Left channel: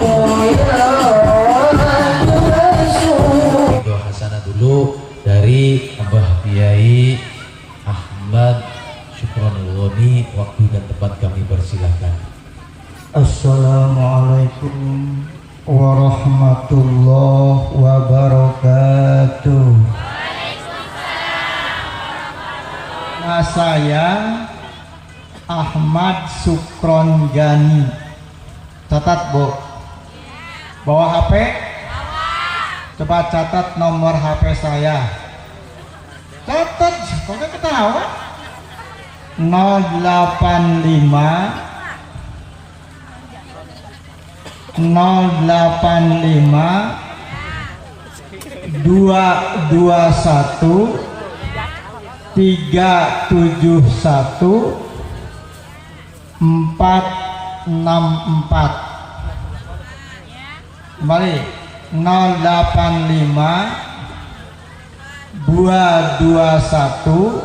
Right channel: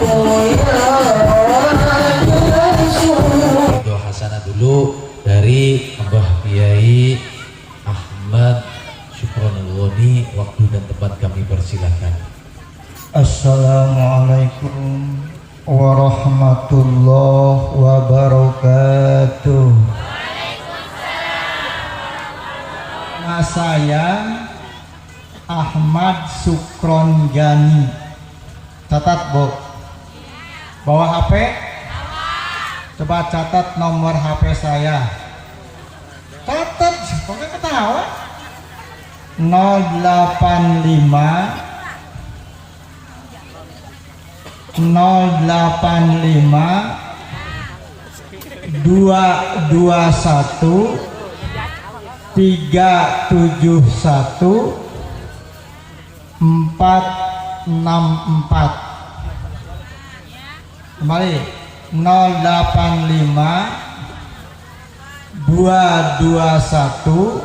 Ridho hasanah dulu dari Abah Kiai Ahmad Syukronulwoni. Waktu dan tempat kami persilahkan. Assalamualaikum warahmatullahi wabarakatuh. Nama saya Ahmad Sukron Gani. Catat Bu, bawa HP, coba catat nomor HP saya. Catat, pakai ketawa. 085 221 371 464. Kembali 085 221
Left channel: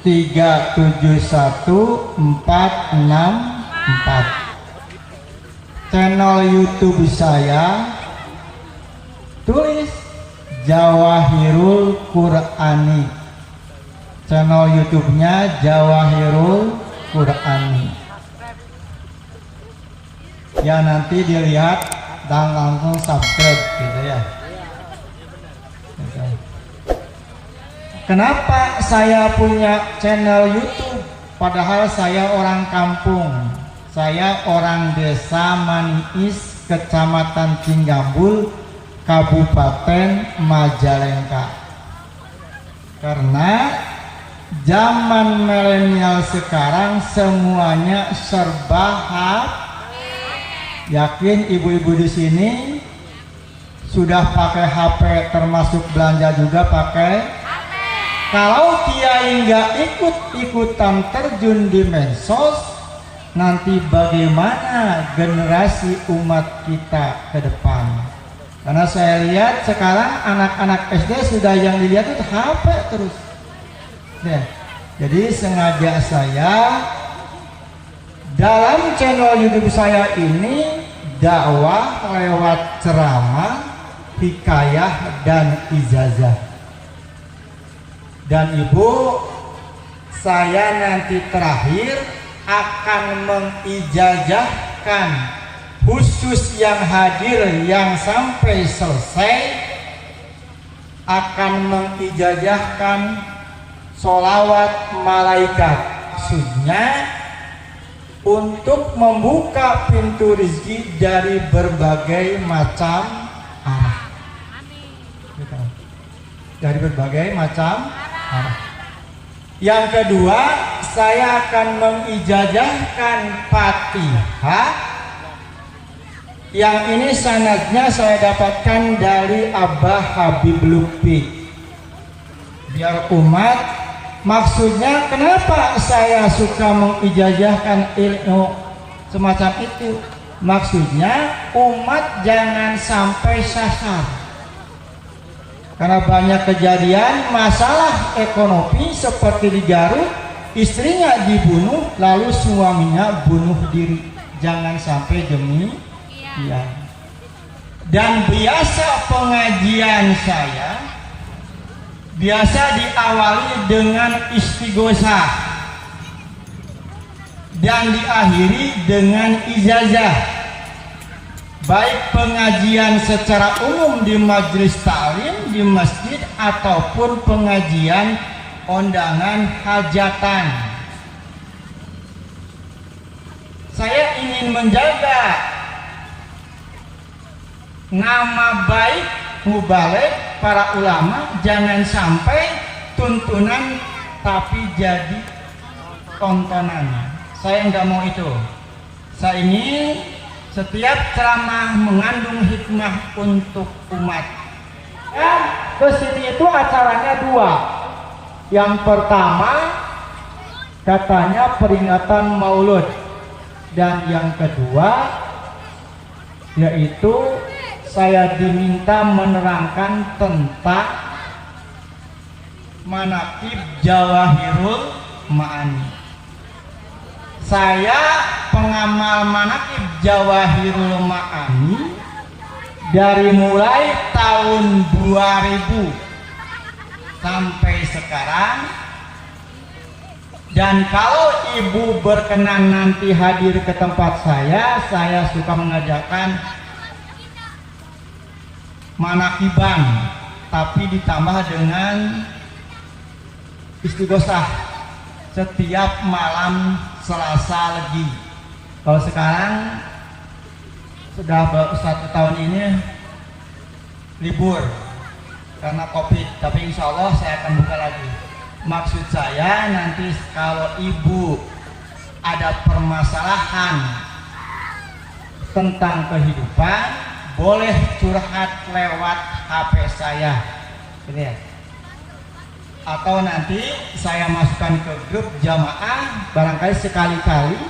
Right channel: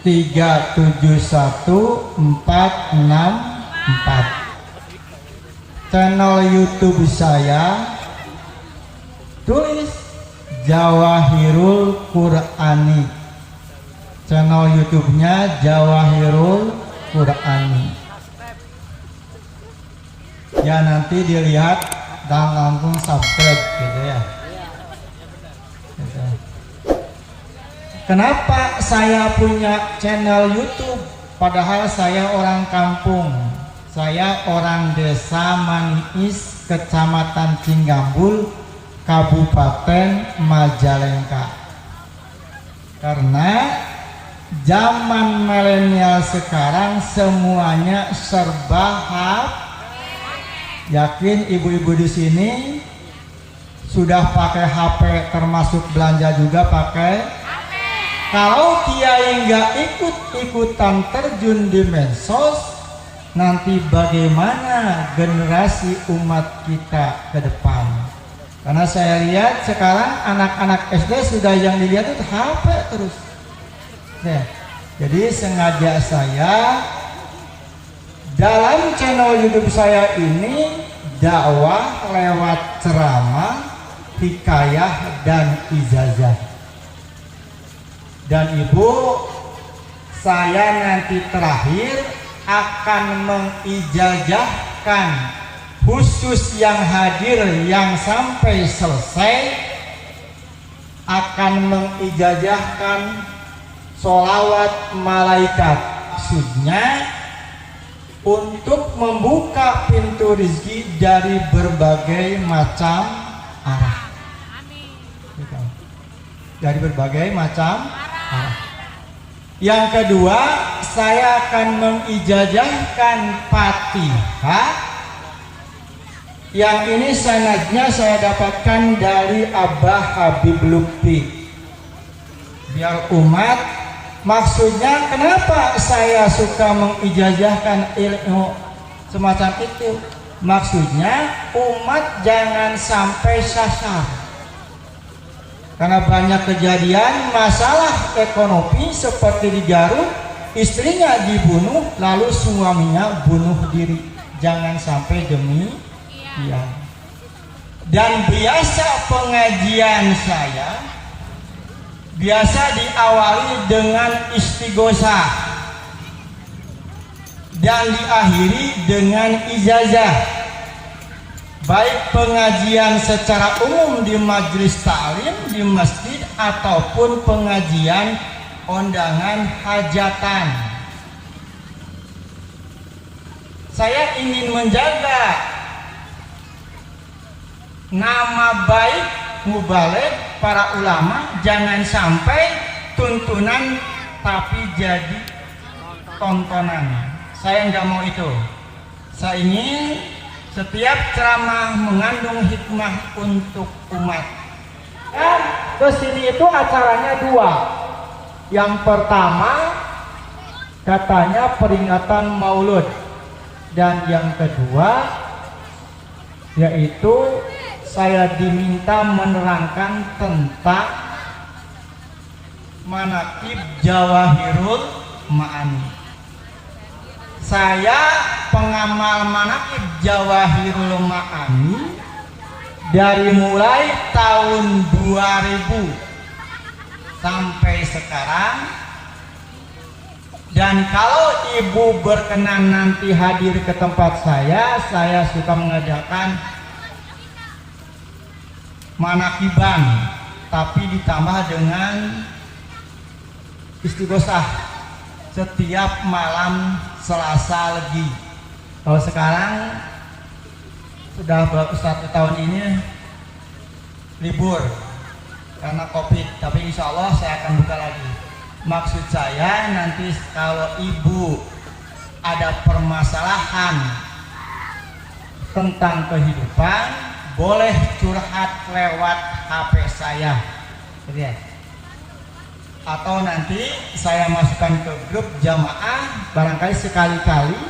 371 464. Channel YouTube saya tulis Jawahirul Qur'ani. Channel YouTube-nya Jawahirul Qur'ani. Ya nanti dilihat dan langsung subscribe gitu ya. Kenapa saya punya channel YouTube? Padahal saya orang kampung. Saya orang desa Maniis, Kecamatan Cinggambul, Kabupaten Majalengka. Karena zaman milenial sekarang semuanya serba HP. Yakin ibu-ibu di sini sudah pakai HP, termasuk belanja juga pakai HP. Kalau kiai nggak ikut-ikutan terjun di medsos, nanti bagaimana generasi umat kita ke depan? Karena saya lihat sekarang anak-anak SD sudah yang dilihat itu HP terus. Nah, jadi sengaja saya dalam channel YouTube saya ini dakwah lewat ceramah, hikayah dan ijazah. Dan Ibu, saya nanti terakhir akan mengijazahkan khusus yang hadir yang sampai selesai, akan mengijazahkan sholawat malaikat maksudnya untuk membuka pintu rezeki dari berbagai macam arah. Dari berbagai macam arah. Yang kedua, saya akan mengijazahkan Fatihah. Yang ini sanadnya saya dapatkan dari Abah Habib Lutfi. Biar umat, maksudnya kenapa saya suka mengijazahkan ilmu semacam itu? Maksudnya umat jangan sampai sasar. Karena banyak kejadian masalah ekonomi seperti di Garut, istrinya dibunuh lalu suaminya bunuh diri. Jangan sampai demikian. Dan biasa pengajian saya biasa diawali dengan istighosah dan diakhiri dengan ijazah. Baik pengajian secara umum di majelis taklim di masjid ataupun pengajian undangan hajatan. Saya ingin menjaga nama baik mubalik para ulama, jangan sampai tuntunan tapi jadi tontonan. Saya nggak mau itu. Saya ingin setiap ceramah mengandung hikmah untuk umat. Kesini itu acaranya dua. Yang pertama katanya peringatan Maulud, dan yang kedua yaitu saya diminta menerangkan tentang manaqib Jawahirul Ma'ani. Saya pengamal manaqib Jawahirul Ma'ani dari mulai tahun 2000 sampai sekarang. Dan kalau ibu berkenan nanti hadir ke tempat saya suka mengajarkan manaqiban, tapi ditambah dengan istighosah setiap malam Selasa Legi. Kalau sekarang sudah 1 tahun ini libur karena COVID, tapi insya Allah saya akan buka lagi. Maksud saya nanti kalau ibu ada permasalahan tentang kehidupan, boleh curhat lewat HP saya, gitu ya. Atau nanti saya masukkan ke grup jamaah, barangkali sekali-kali,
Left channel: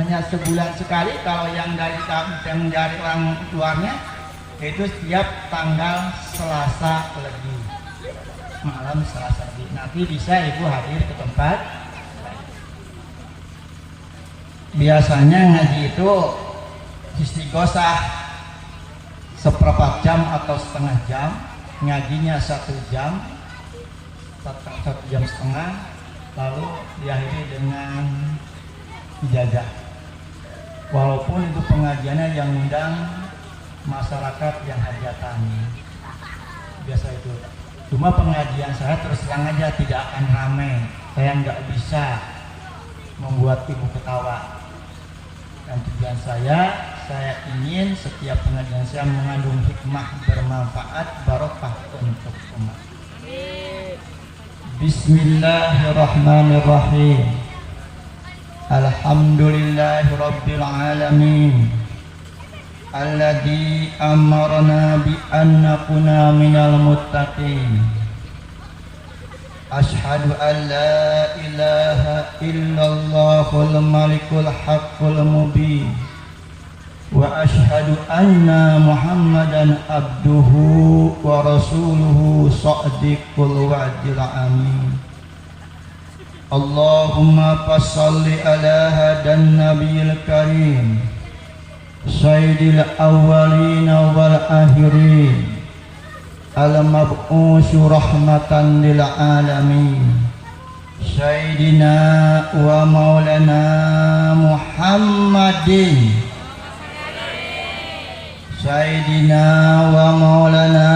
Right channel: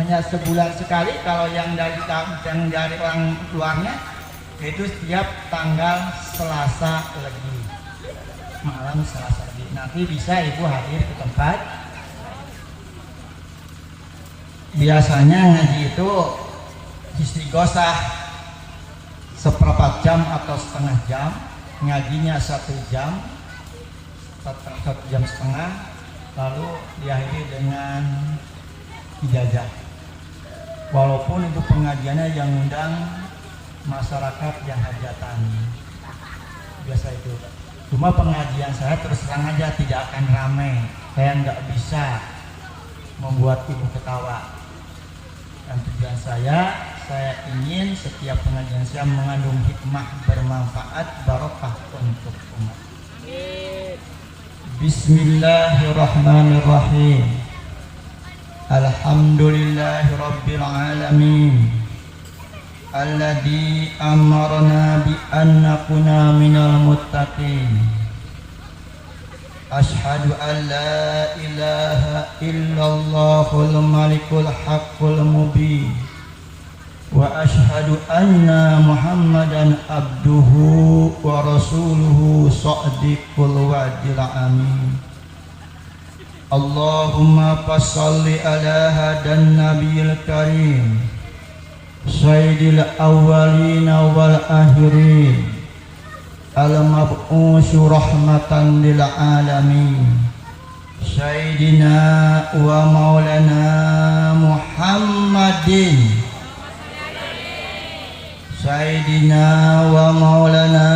hanya sebulan sekali. Kalau yang dari orang luarnya, yaitu setiap tanggal Selasa Legi, malam Selasa Legi. Nanti bisa ibu hadir ke tempat. Biasanya ngaji itu istighosah seperempat jam atau setengah jam, ngajinya 1 jam, 1 jam setengah, lalu diakhiri dengan ijazah. Walaupun itu pengajiannya yang undang masyarakat yang hajatan, biasa itu. Cuma pengajian saya terus terang aja tidak akan ramai. Saya nggak bisa membuat ibu ketawa. Dan tujuan saya ingin setiap pengajian saya mengandung hikmah, bermanfaat, barokah untuk umat. Bismillahirrahmanirrahim. Alhamdulillahirabbil alamin. Alladzi amarna bi an nakuna minal muttaqin. Ashhadu an la ilaha illallahul malikul haqqul mubin. Wa ashhadu anna Muhammadan abduhu wa rasuluhu shadiqul wa'dil amin. Allahumma fassalli ala hadan nabiyil karim sayyidil awwalin wal akhirin al-mab'usu rahmatan lil alamin sayyidina wa maulana Muhammadin sayyidina wa maulana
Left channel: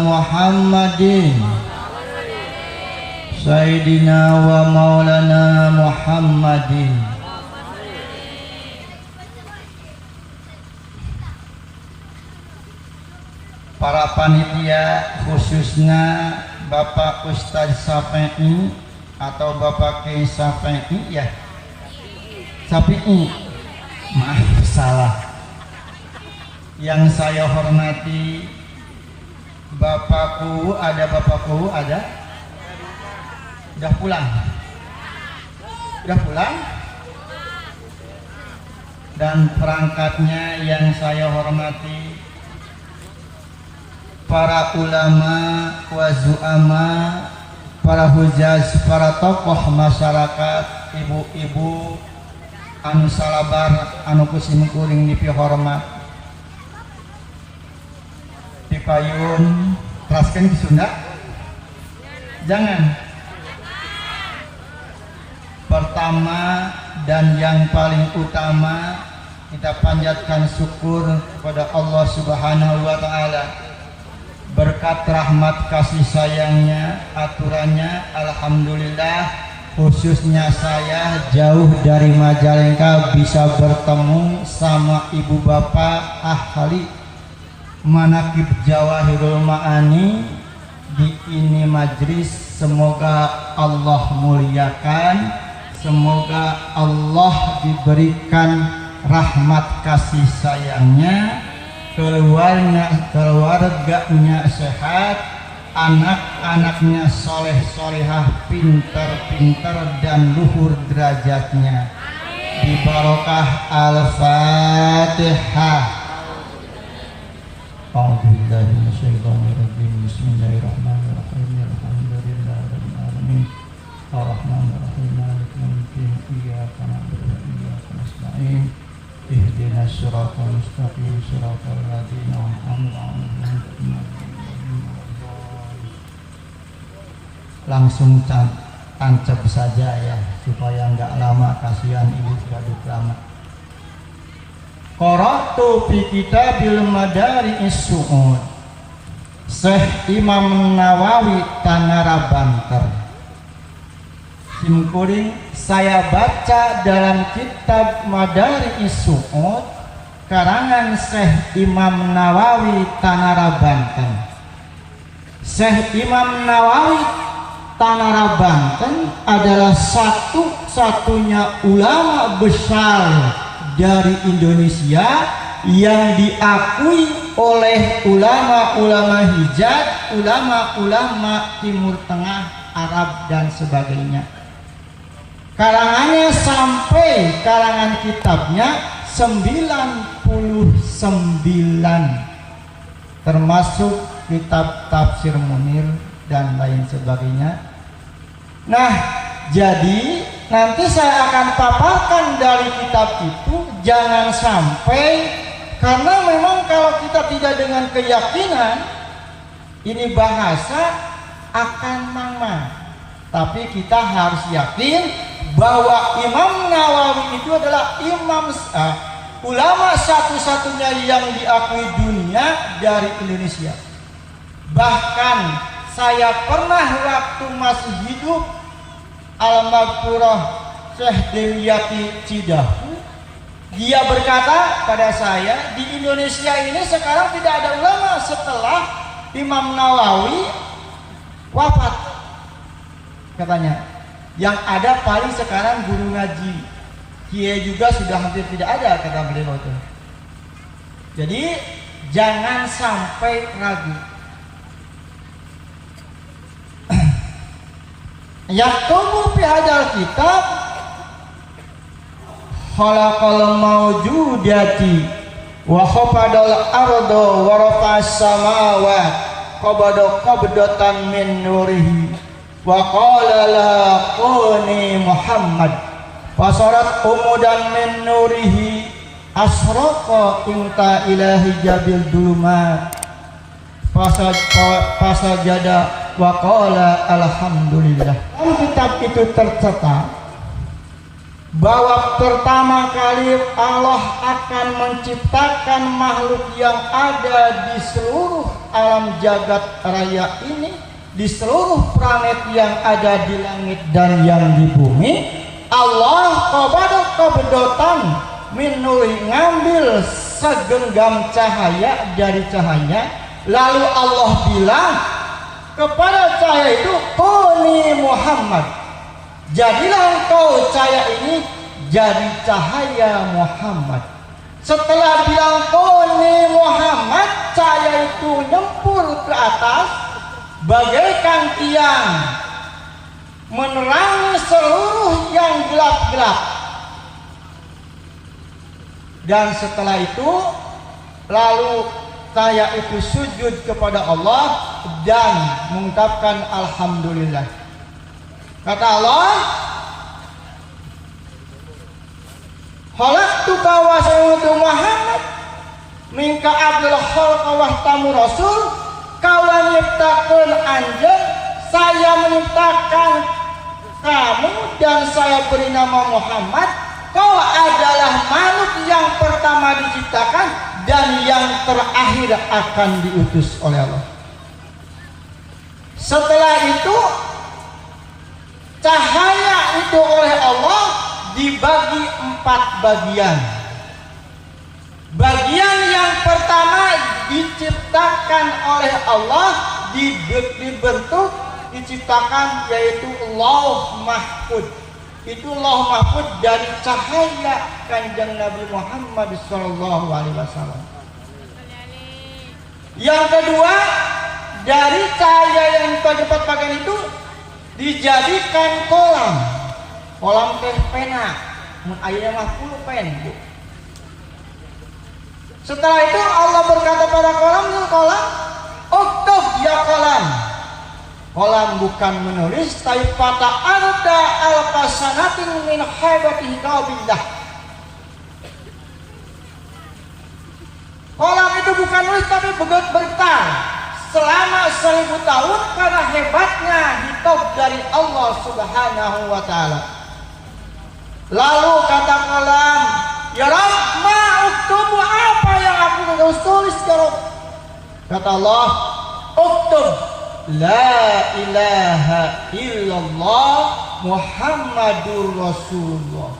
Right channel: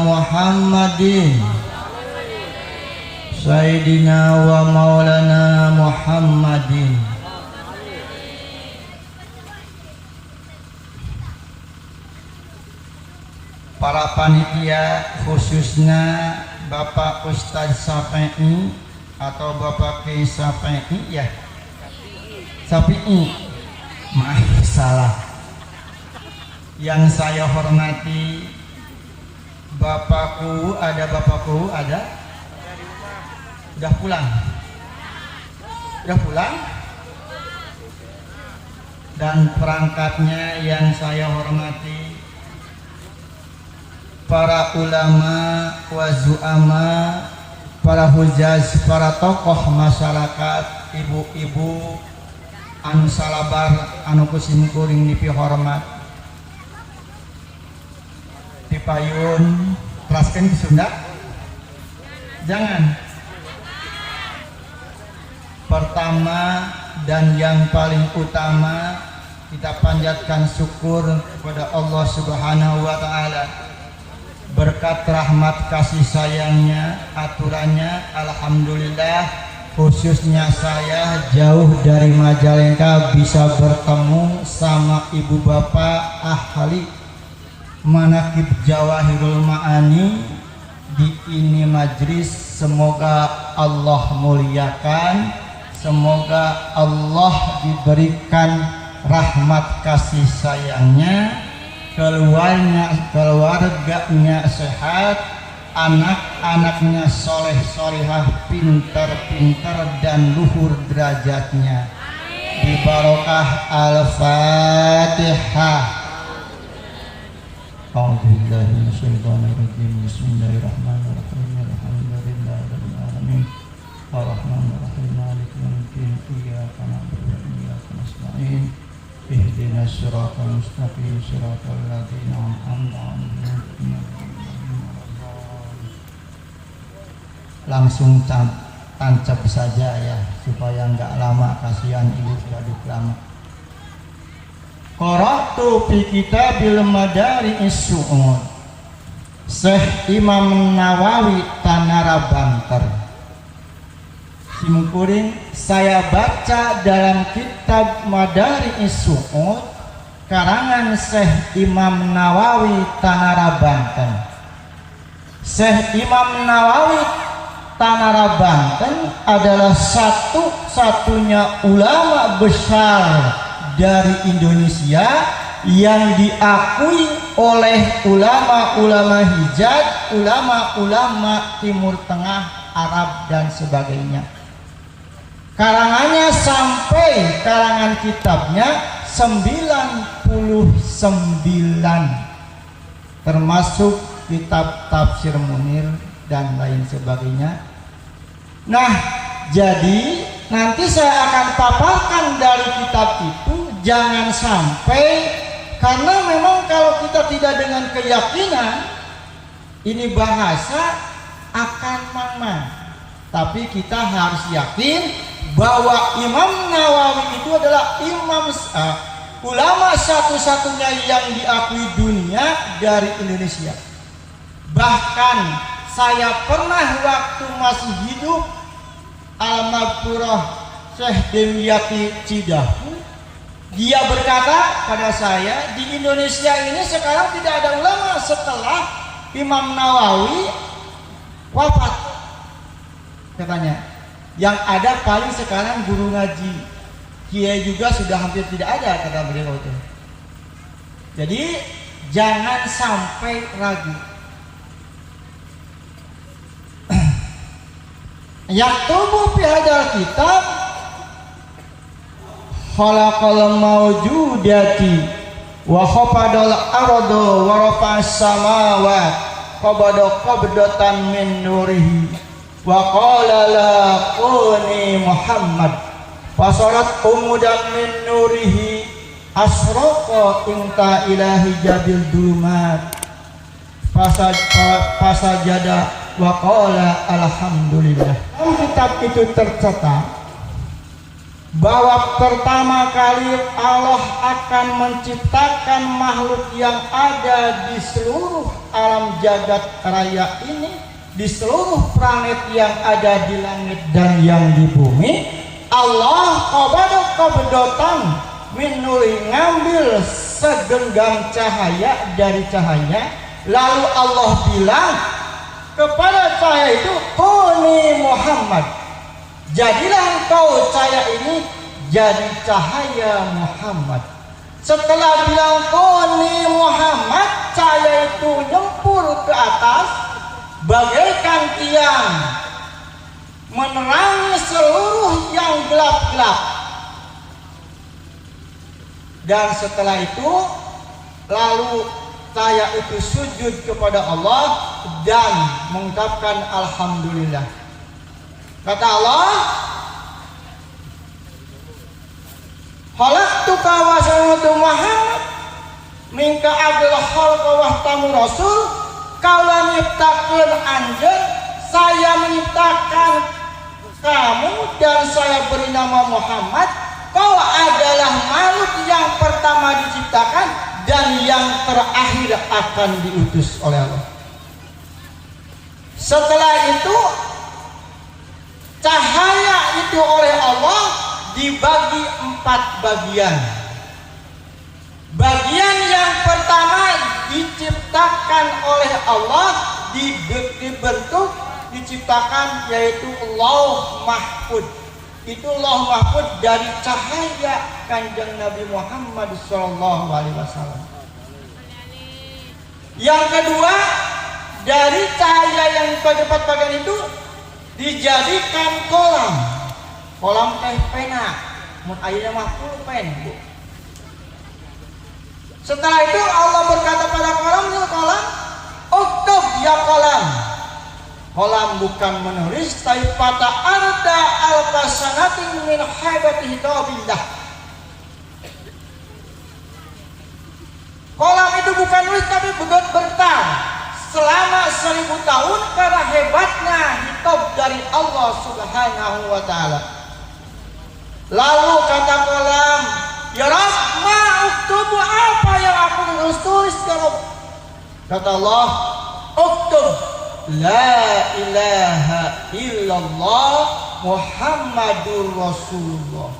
Muhammadin sayyidina wa maulana Muhammadin. Para panitia, khususnya Bapak Ustadz Safi'i atau Bapak Kiai Safi'i, ya Safi'i, maaf salah. Yang saya hormati Bapakku, ada udah pulang, dan perangkatnya yang saya hormati para ulama, wazu'ama, para hujaz, para tokoh masyarakat, ibu-ibu anu salabar, anu kusim kuring nipi hormat, dipayun, teraskan di Sunda, jangan. Pertama dan yang paling utama, kita panjatkan syukur kepada Allah Subhanahu wa Ta'ala. Berkat rahmat kasih sayangnya, aturannya, alhamdulillah, khususnya saya jauh dari Majalengka bisa bertemu sama ibu bapak ahli manaqib Jawahirul Ma'ani di ini majlis. Semoga Allah muliakan, semoga Allah diberikan rahmat kasih sayangnya, keluarganya sehat, anak-anaknya soleh solehah, pinter-pinter dan luhur derajatnya. Di barokah Al-Fatihah. A'udzubillahi minasyaitonir rajim. Bismillahirrahmanirrahim. Alhamdulillahirabbil alamin. Ar-Rahmanir-Rahim Maliki Yaumiddin Iyyaka na'budu wa iyyaka nasta'in Ihdinas siratal mustaqim siratal ladzina an'amta 'alaihim. Langsung tancap saja ya supaya enggak lama, kasihan ini sudah lama. Qara'tu fi kitabil Madari'is Su'ud Syekh Imam Nawawi Tanara Banter. Simkuring, saya baca dalam kitab Madari'is Su'ud karangan Syekh Imam Nawawi Tanara Banten. Syekh Imam Nawawi Tanara Banten adalah satu-satunya ulama besar dari Indonesia yang diakui oleh ulama-ulama Hijaz, ulama-ulama Timur Tengah, Arab dan sebagainya. Karangannya sampai karangan kitabnya 99, termasuk kitab Tafsir Munir dan lain sebagainya. Nah, jadi nanti saya akan paparkan dari kitab itu, jangan sampai, karena memang kalau kita tidak dengan keyakinan, ini bahasa akan mangmang. Tapi kita harus yakin bahwa Imam Nawawi itu adalah ulama satu-satunya yang diakui dunia dari Indonesia. Bahkan saya pernah waktu masih hidup almarhumah Syekh Dimyati Cidahu, dia berkata pada saya, di Indonesia ini sekarang tidak ada ulama setelah Imam Nawawi wafat, katanya. Yang ada paling sekarang guru ngaji, kiai juga sudah hampir tidak ada, kata beliau itu. Jadi jangan sampai ragu. Yang tubuh fi hadzal kitab khalaqal mawjudati wa khafadal arda wa rafa'as samawat qabada qabdatan min nurihi wa qala la quni Muhammad fasarat umudan min nurihi asraqa inta ilahi jabil dumat fasajada wa qala alhamdulillah. Dalam kitab itu tercatat bahwa pertama kali Allah akan menciptakan makhluk yang ada di seluruh alam jagat raya ini, di seluruh planet yang ada di langit dan yang di bumi. Allah qabdotan min nuri, ngambil segenggam cahaya dari cahaya, lalu Allah bilang kepada cahaya itu, Kuni Muhammad, jadilah engkau cahaya ini jadi cahaya Muhammad. Setelah bilang Kuni Muhammad, cahaya itu nyempur ke atas bagaikan tiang, menerangi seluruh yang gelap-gelap. Dan setelah itu lalu saya itu sujud kepada Allah dan mengucapkan alhamdulillah. Kata Allah, khalaqtuka wa sayyidatu Muhammad minka abdul khalqa wa tamu rasul. Kalau menciptakan anjing, saya menciptakan kamu dan saya beri nama Muhammad. Kau adalah makhluk yang pertama diciptakan dan yang terakhir akan diutus oleh Allah. Setelah itu cahaya itu oleh Allah dibagi 4 bagian. Bagian yang pertama diciptakan oleh Allah, dibentuk, diciptakan, yaitu Lauh Mahfud. Itu Lauh Mahfud dari cahaya Kanjeng Nabi Muhammad SAW. Yang kedua, dari cahaya yang terdapat bagian itu dijadikan kolam teh pena, airnya mah pulpen. Setelah itu Allah berkata pada kolam, uktub ya kolam. Kolam bukan menulis, tapi pada arda al-kasanatin min haibati kitabillah. Kolam itu bukan nulis, tapi bergetar selama 1000 tahun karena hebatnya kitab dari Allah Subhanahu wa Ta'ala. Lalu kata kolam, ya Rabb, ma uktubu, apa yang aku tulis ya Rabb? Kata Allah, uktub la ilaha illallah Muhammadur Rasulullah.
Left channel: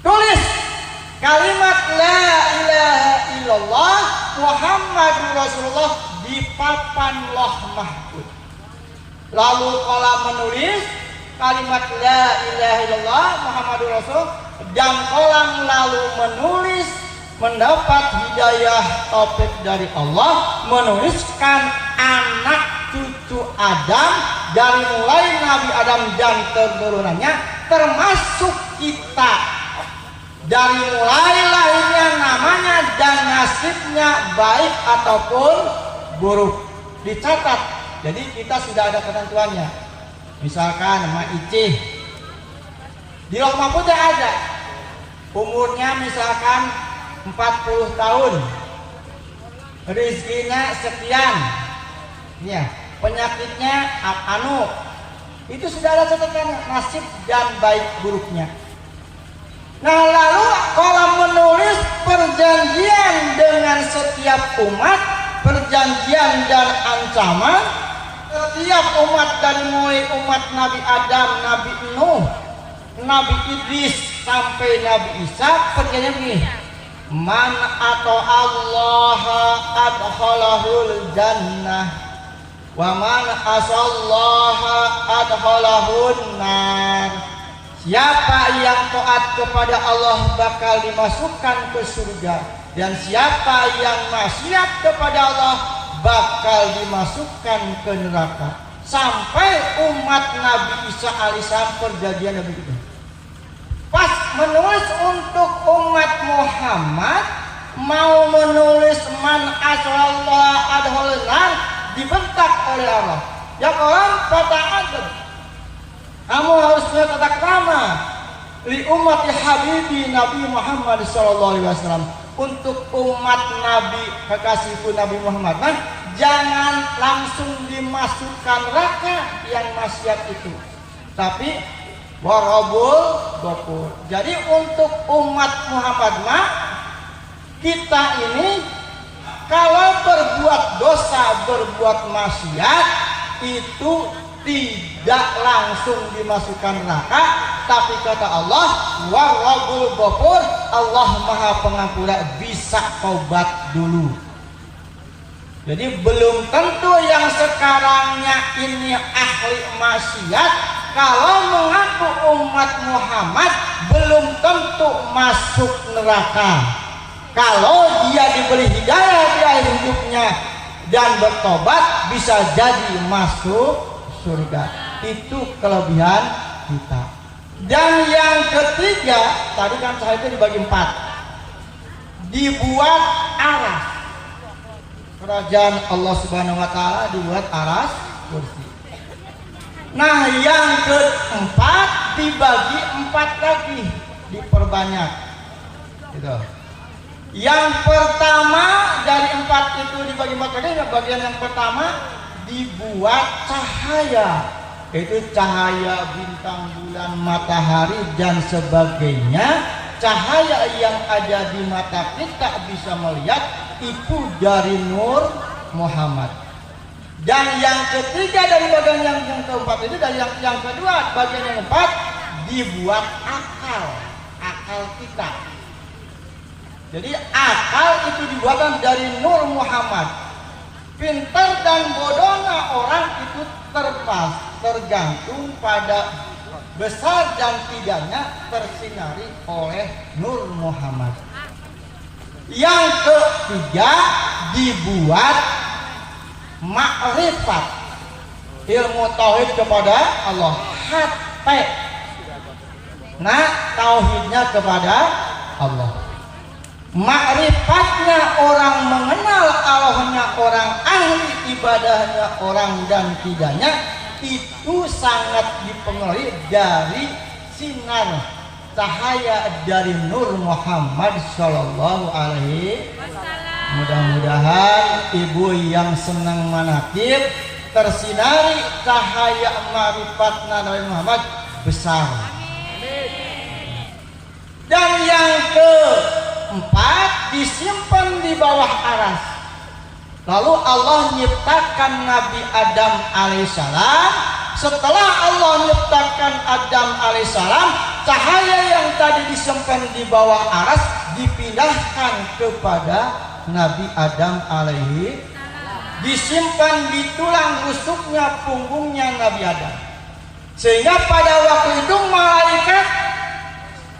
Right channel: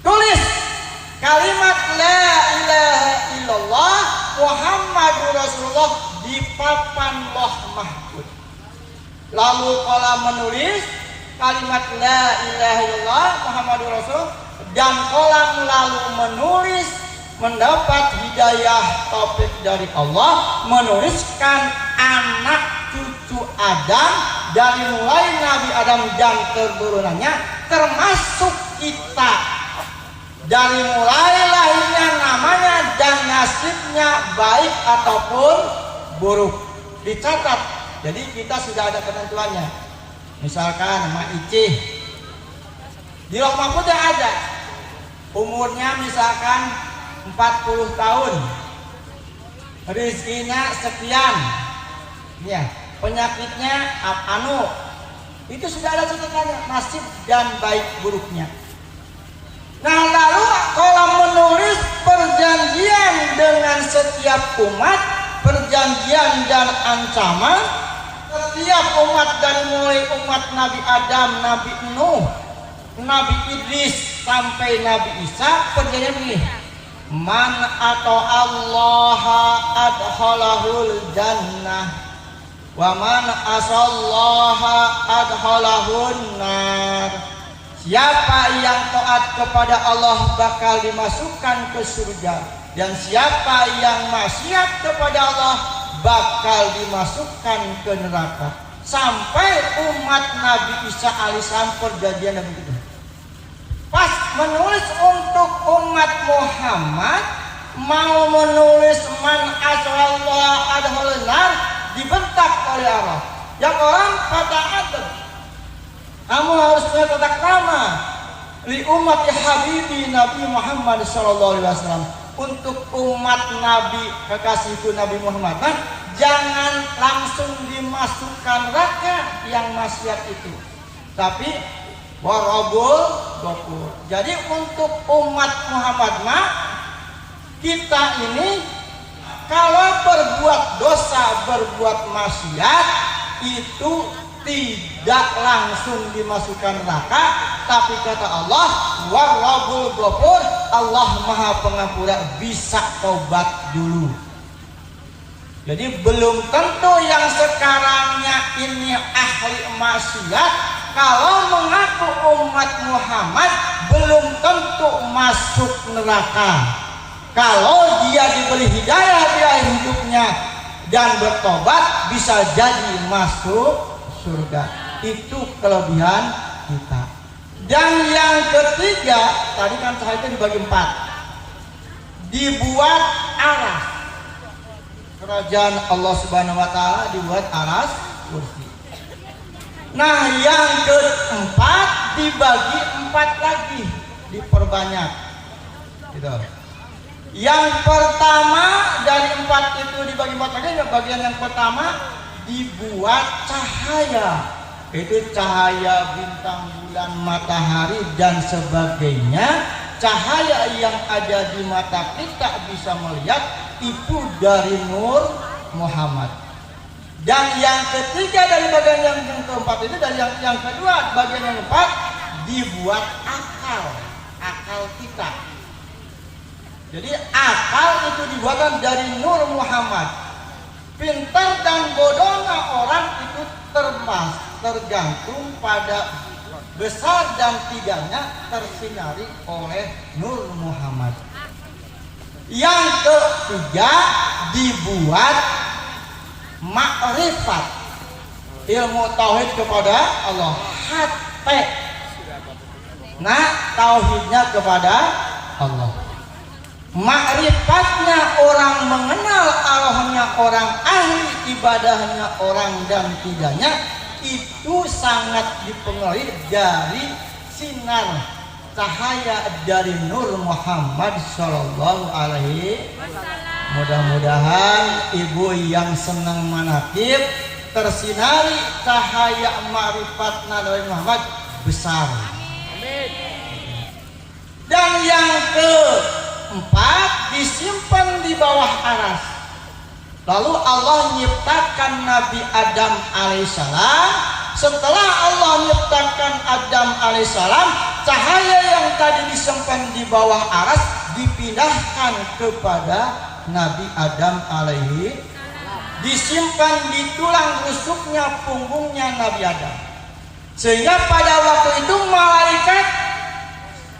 Tulis kalimat la ilaha illallah Muhammadur Rasulullah di papan Lauh Mahfuz. Lalu kolam menulis kalimat la ilaha illallah Muhammadur Rasul, dan kolam lalu menulis mendapat hidayah taufik dari Allah, menuliskan anak cucu Adam dari mulai Nabi Adam dan keturunannya, termasuk kita, dari mulai lahirnya, namanya dan nasibnya baik ataupun buruk dicatat. Jadi kita sudah ada ketentuannya. Misalkan Mak Icih di Lauh Mahfuz ada umurnya misalkan 40 tahun, rezekinya sekian, ya, penyakitnya anu, itu sudah ada catatannya, nasib dan baik buruknya. Nah, lalu kolam menulis perjanjian dengan setiap umat, perjanjian dan ancaman setiap umat, dari mulai umat Nabi Adam, Nabi Nuh, Nabi Idris sampai Nabi Isa. Perjanjian ini, man atau Allah adkhalahul jannah wa man asallaha adkhalahun nar. Siapa yang taat kepada Allah bakal dimasukkan ke surga, dan siapa yang maksiat kepada Allah bakal dimasukkan ke neraka. Sampai umat Nabi Isa alaihissalam perjanjian Nabi itu. Pas menulis untuk umat Muhammad, mau menulis man asallah adholan, dibentak oleh Allah. Ya kawan, fata'adab, kamu harus punya tata krama li umat habibi Nabi Muhammad SAW. Untuk umat Nabi kekasihku Nabi Muhammad, jangan langsung dimasukkan neraka yang maksiat itu, tapi warabul gofur. Jadi untuk umat Muhammad, kita ini kalau berbuat dosa, berbuat maksiat, itu tidak langsung dimasukkan neraka, tapi kata Allah, warabul gofur, Allah Maha Pengampun, bisa tobat dulu. Jadi belum tentu yang sekarangnya ini ahli maksiat, kalau mengaku umat Muhammad belum tentu masuk neraka. Kalau dia diberi hidayah di akhir hidupnya dan bertobat, bisa jadi masuk surga. Itu kelebihan kita. Dan yang ketiga, tadi kan cahaya itu dibagi 4. Dibuat aras. Kerajaan Allah Subhanahu wa Ta'ala dibuat aras kursi. Nah, yang keempat dibagi 4 lagi, diperbanyak. Gitu. Yang pertama dari 4 itu dibagi 4 lagi, bagian yang pertama dibuat cahaya, yaitu cahaya bintang, bulan, matahari dan sebagainya. Cahaya yang ada di mata kita bisa melihat itu dari Nur Muhammad. Dan yang ketiga dari bagian yang keempat itu, dari yang kedua bagian yang keempat dibuat akal kita. Jadi akal itu dibuat dari Nur Muhammad. Pintar dan bodohnya orang itu tergantung pada besar dan tidaknya tersinari oleh Nur Muhammad. Yang ketiga dibuat makrifat, ilmu tauhid kepada Allah, Nah, tauhidnya kepada Allah. Makrifatnya orang mengenal Allahnya orang, ahli ibadahnya orang dan tidaknya itu sangat dipengaruhi dari sinar cahaya dari Nur Muhammad Shallallahu Alaihi. Mudah-mudahan ibu yang senang manakib tersinari cahaya marifat Nabi Muhammad besar. Dan yang keempat, disimpan di bawah aras. Lalu Allah menciptakan Nabi Adam alaihissalam. Setelah Allah menciptakan Adam alaihissalam, cahaya yang tadi disimpan di bawah aras dipindahkan kepada Nabi Adam alaihi, disimpan di tulang rusuknya punggungnya Nabi Adam. Sehingga pada waktu itu malaikat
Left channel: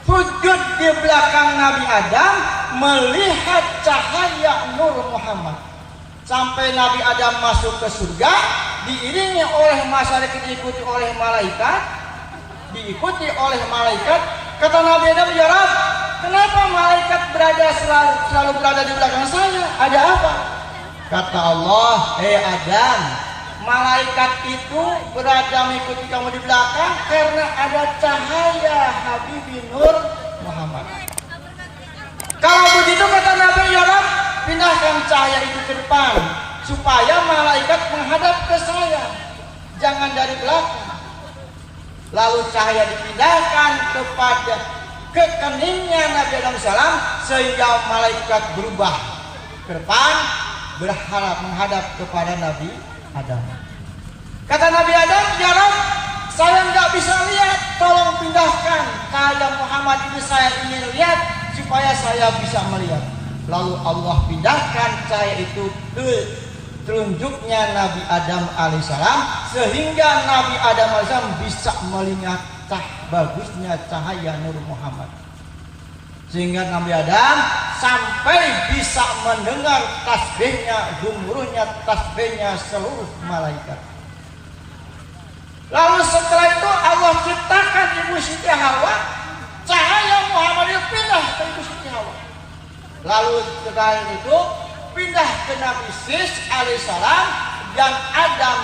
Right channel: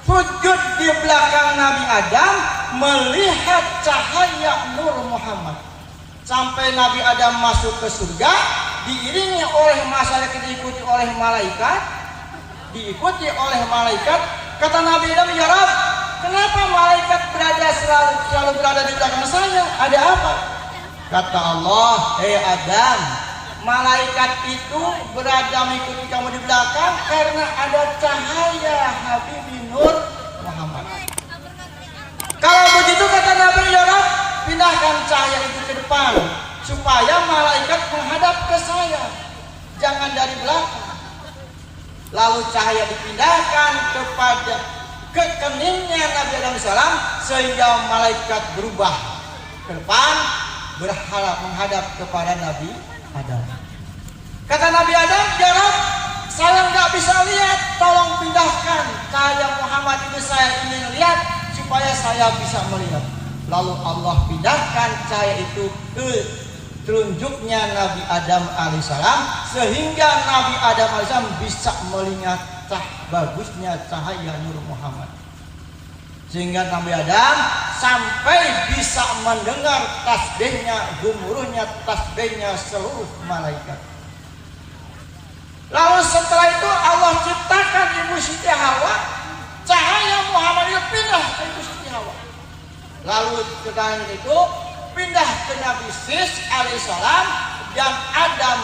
sujud di belakang Nabi Adam melihat cahaya Nur Muhammad. Sampai Nabi Adam masuk ke surga, diiringi oleh masyarakat, diikuti oleh malaikat, Kata Nabi Adam, ya Rabb, kenapa malaikat selalu berada di belakang saya? Ada apa? Kata Allah, hei Adam, malaikat itu berada mengikuti kamu di belakang karena ada cahaya Habibie Nur Muhammad. Kalau begitu kata Nabi, ya Rabb, pindahkan cahaya itu ke depan supaya malaikat menghadap ke saya, jangan dari belakang. Lalu cahaya dipindahkan ke keningnya Nabi Adam salam sehingga malaikat berubah ke depan berharap menghadap kepada Nabi Adam. Kata Nabi Adam, ya Rabb, saya nggak bisa lihat, tolong pindahkan cahaya Muhammad itu, saya ingin lihat supaya saya bisa melihat. Lalu Allah pindahkan cahaya itu ke telunjuknya Nabi Adam alaihissalam sehingga Nabi Adam alaihissalam bisa melihat bagusnya cahaya Nur Muhammad. Sehingga Nabi Adam sampai bisa mendengar tasbihnya, gemuruhnya tasbihnya seluruh malaikat. Lalu setelah itu Allah ciptakan Ibu Siti Hawa, cahaya Muhammad itu pindah ke Ibu Siti Hawa. Lalu setelah itu pindah ke Nabi Sis alaihissalam dan Adam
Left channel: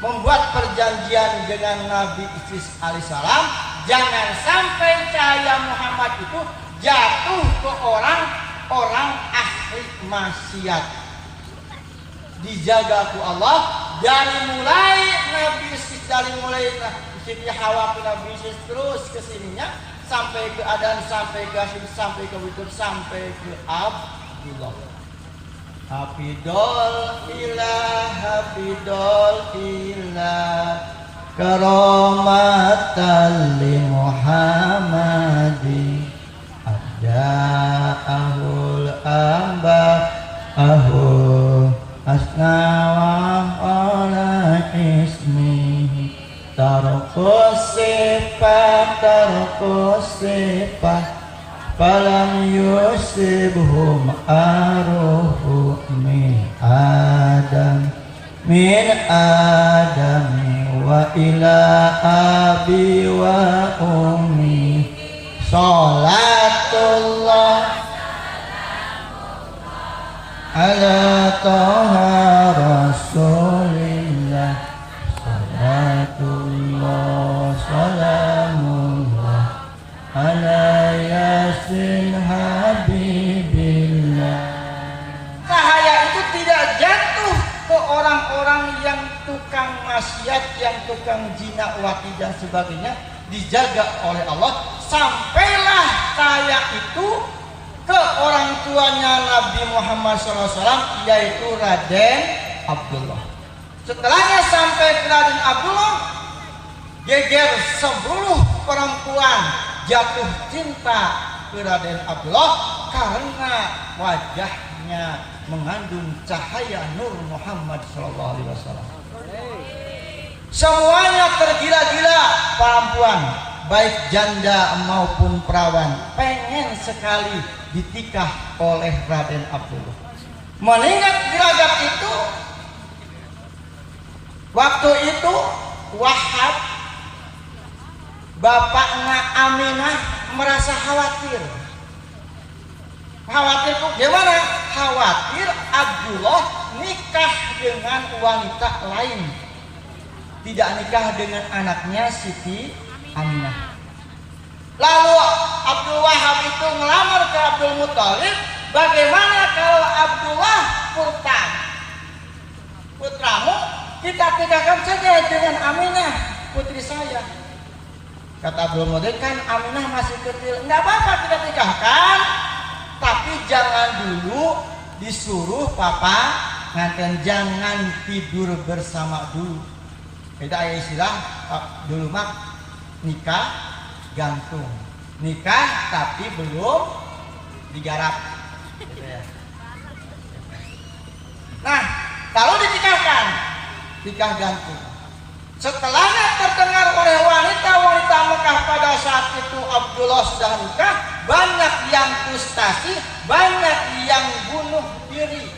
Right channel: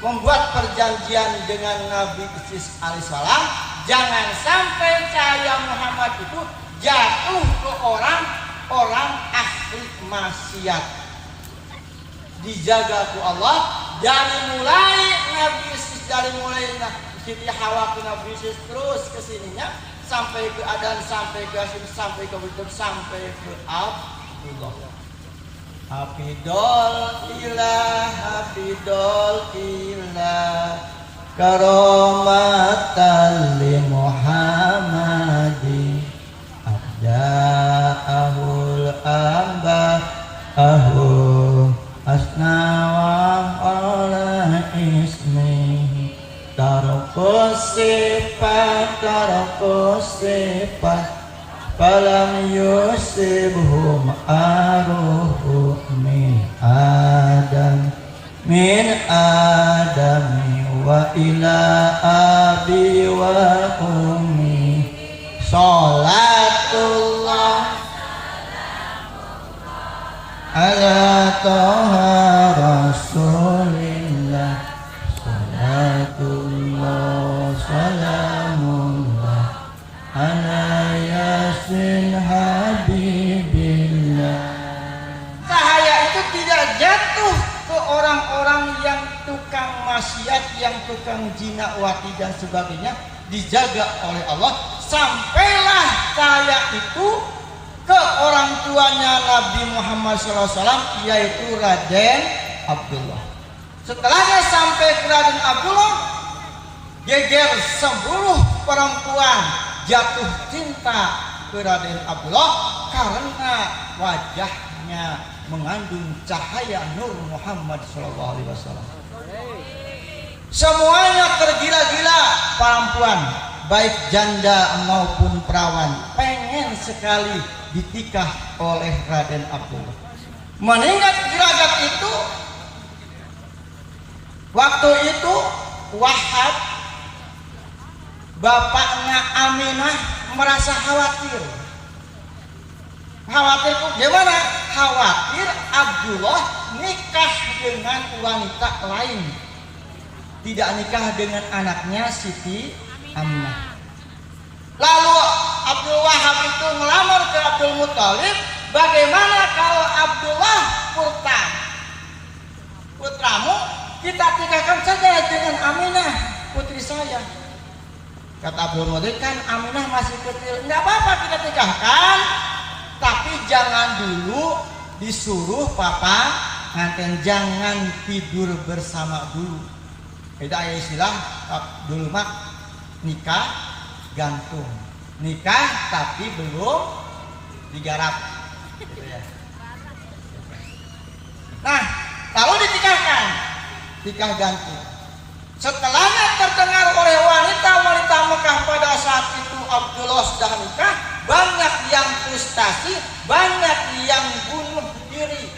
membuat perjanjian dengan Nabi Sis alaihissalam, jangan sampai cahaya Muhammad itu jatuh ke orang ahli maksiat. Dijaga ku Allah dari mulai Nabi Sis, dari mulai Siti Hawa ke Nabi Sis terus kesininya sampai ke Adam, sampai ke Asyid, sampai ke Wujud, sampai ke Abdullah. Hafidol ilah karomatan li Muhammadi abda'ahul amba ahu asnawah ala ismi tarkus sifat falam yusibhum aruhu min adami wa ila abi wa ummi salatullah ala taha rasulillah salatullah salamullah ala yasin habibillah. Cahaya itu tidak jatuh ke orang-orang yang tukang maksiat, yang tukang zina, wati dan sebagainya, dijaga oleh Allah. Sampailah cahaya itu ke orang tuanya Nabi Muhammad SAW, yaitu Raden Abdullah. Setelahnya sampai ke Raden Abdullah, geger 10 perempuan jatuh cinta ke Raden Abdullah karena wajahnya mengandung cahaya Nur Muhammad SAW. Semuanya tergila-gila perempuan, baik janda maupun perawan, pengen sekali ditikah oleh Raden Abdullah. Mengingat gelagat itu, waktu itu Wahab, bapaknya Aminah, merasa khawatir. Khawatir gimana? Khawatir Abdullah nikah dengan wanita lain, tidak nikah dengan anaknya Siti Aminah. Lalu Abdul Wahab itu melamar ke Abdul Muthalib. Bagaimana kalau Abdullah putramu kita nikahkan saja dengan Aminah putri saya? Kata Abdul Muthalib, kan Aminah masih kecil, nggak apa-apa kita nikahkan, tapi jangan dulu disuruh papa nganten, jangan tidur bersama dulu. Itu istilah dulu mah nikah gantung, nikah tapi belum digarap gitu ya. Nah, kalau dinikahkan, nikah gantung. Setelahnya terdengar oleh wanita-wanita Mekah pada saat itu Abdullah sedang nikah, banyak yang frustasi, banyak yang bunuh diri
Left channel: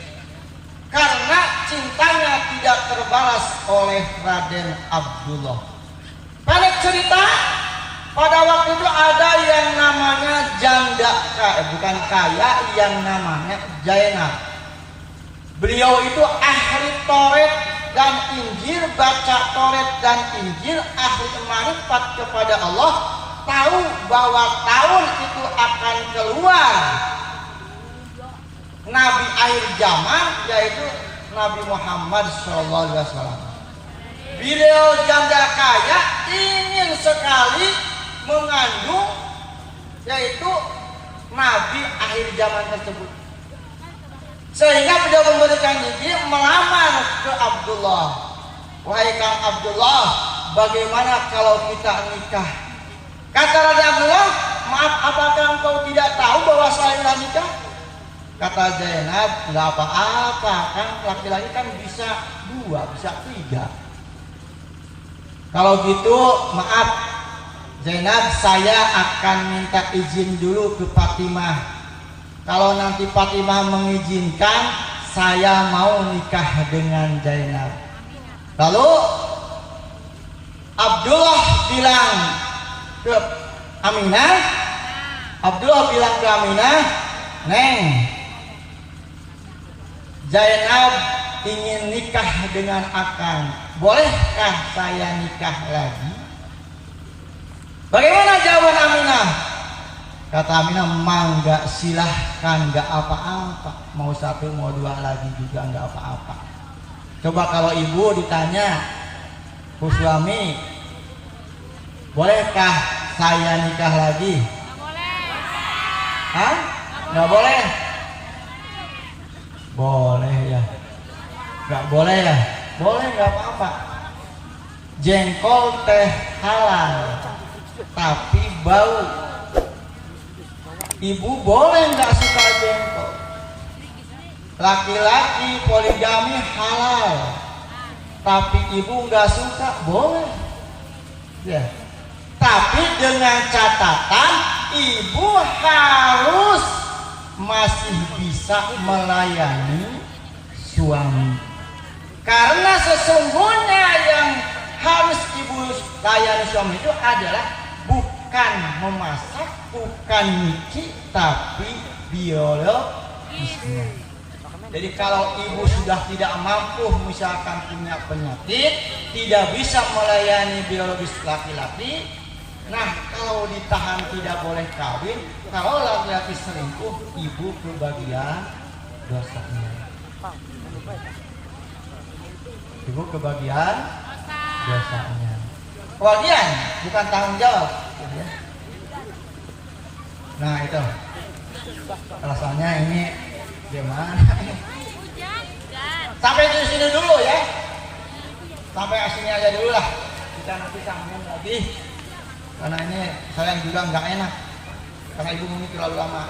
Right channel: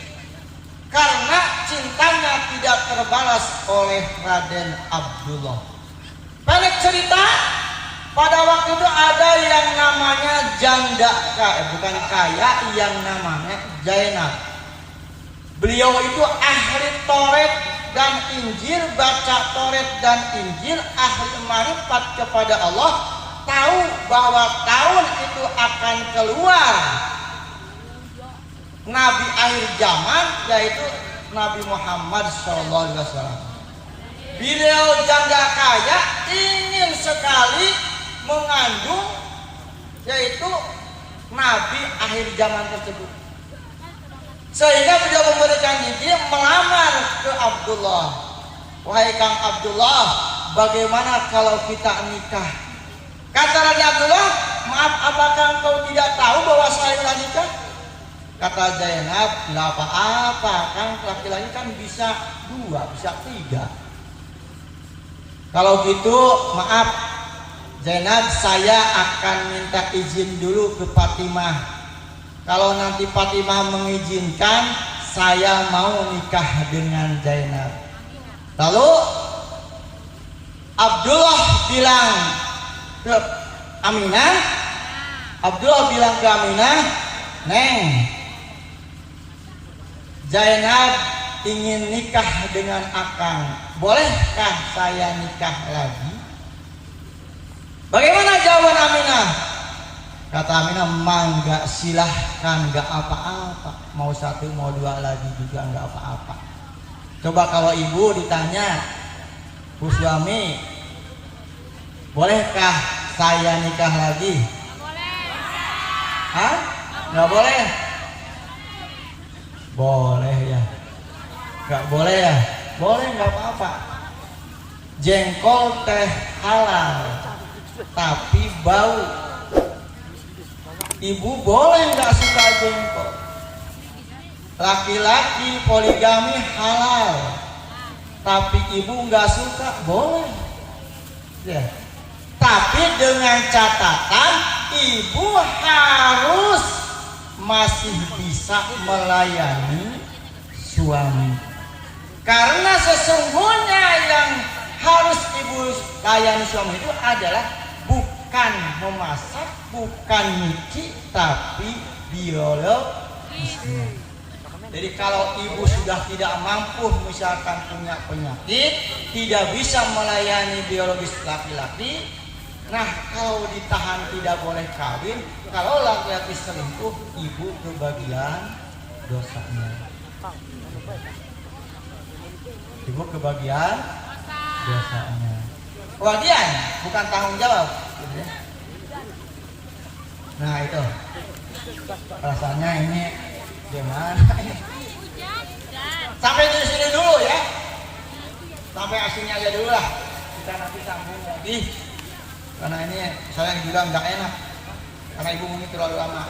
karena cintanya tidak terbalas oleh Raden Abdullah. Pendek cerita, pada waktu itu ada yang namanya janda bukan kaya, yang namanya Zainab. Beliau itu ahli Taurat dan Injil, baca Taurat dan Injil, ahli marifat kepada Allah, tahu bahwa tahun itu akan keluar Nabi akhir zaman, yaitu Nabi Muhammad SAW. Beliau janda kaya ingin sekali mengandung, yaitu Nabi akhir zaman tersebut. Sehingga beliau memberikan izin melamar ke Abdullah. Wahai Kang Abdullah, bagaimana kalau kita nikah? Kata Raja Abdullah, maaf, apakah engkau tidak tahu bahwa saya telah nikah? Kata Zainab, nggak apa-apa, kan laki-laki kan bisa 2, bisa 3. Kalau gitu, maaf Zainab, saya akan minta izin dulu ke Fatimah. Kalau nanti Fatimah mengizinkan, saya mau nikah dengan Zainab. Lalu Abdullah bilang ke Aminah, Neng, Zainab ingin nikah dengan Akang, bolehkah saya nikah lagi? Bagaimana jawab Aminah? Kata Aminah, mangga, silahkan, nggak apa-apa. Mau 1, mau 2 lagi juga nggak apa-apa. Coba kalau ibu ditanya, Bu suami, bolehkah saya nikah lagi? Hah? Nggak boleh? Boleh ya? Nggak boleh ya? Boleh, nggak apa-apa. Jengkol teh halal, tapi bau. Ibu boleh nggak suka jengkol. Laki-laki poligami halal, tapi ibu nggak suka, boleh. Ya. Tapi dengan catatan ibu harus masih bisa melayani suami. Karena sesungguhnya yang harus ibu layani suami itu adalah bukan memasak, bukan nyuci, tapi biologisnya. Jadi kalau ibu sudah tidak mampu, misalkan punya penyakit, tidak bisa melayani biologis laki-laki, nah kalau ditahan tidak boleh kawin, kalau laki-laki selingkuh, ibu kebagian dosanya. Ibu kebagian dosanya. Kewajiban, bukan tanggung jawab. Nah itu rasanya ini gimana? Sampai di sini dulu ya, sampai aslinya aja dulu lah. Kita nanti sambung lagi, karena ini saya juga nggak enak, karena ibu ini terlalu lama.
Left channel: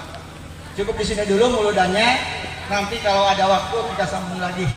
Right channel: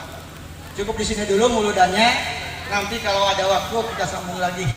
Cukup di sini dulu muludannya. Nanti kalau ada waktu kita sambung lagi.